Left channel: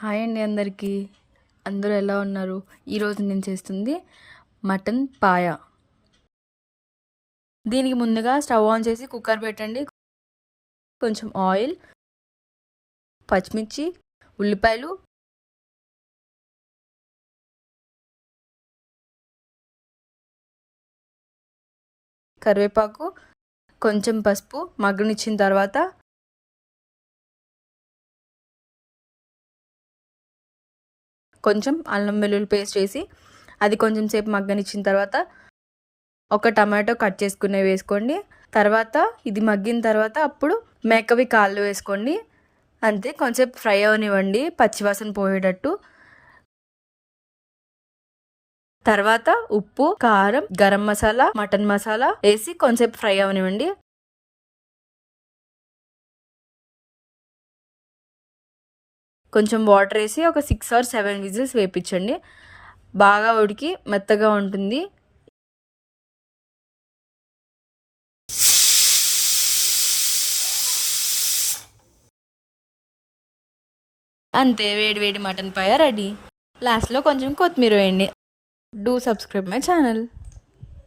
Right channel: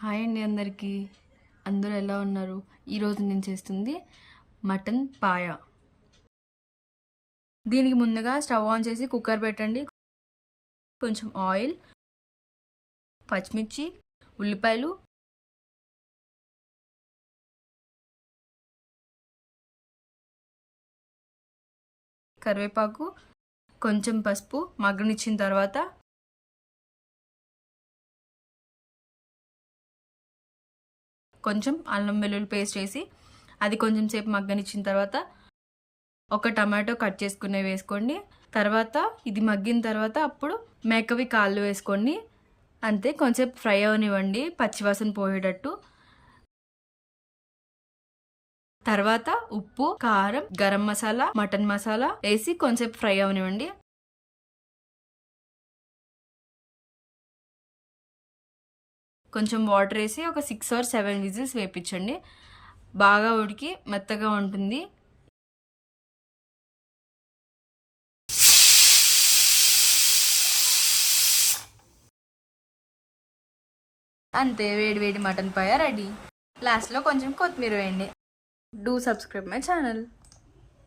Hi అండి అందరికీ. అందరూ ఎలా ఉన్నారు? ఈరోజు నేను చేస్తుంది మటన్ పాయ. దీనికి ముందుగా స్టవ్ ఆన్ చేసి కుక్కర్ పెట్టండి. కొంచెం ఆయిల్, పచ్చిమిర్చి, ఉల్లిపాయలు, కరివేపాకు, కొంచెం పసుపు మగ్గనిచ్చిన తర్వాత కొంచెం అల్లం వెల్లుల్లి పేస్ట్ వేసి అది కొంచెం సేపు మగ్గనిచ్చిన తర్వాత ఒక టమాటో కట్ చేసుకునే వేసుకోండి. తర్వాత ఇది మగ్గిన తర్వాత అప్పుడు మేకవి కాళ్ళు వేసుకోండి. అంతే, కొంచెం ఫ్రై అవనివ్వండి పచ్చివాసన పోయేటట్టు. తర్వాత ఉప్పు, కారం, గరం మసాలా, మటన్ మసాలా వేసి కొంచెం ఫ్రై అవనివ్వండి. కొంచెం వాటర్ వేసి ఒక 6 or 7 విజిల్స్ వేపించండి. బాగా ఉడికి మెత్తగా ఉంటుంది. అంతే, వేడి వేడి మటన్ పాయ రెడీ. లాస్ట్లో కొంచెం కొత్తిమీర వేయండి. Do subscribe my channel.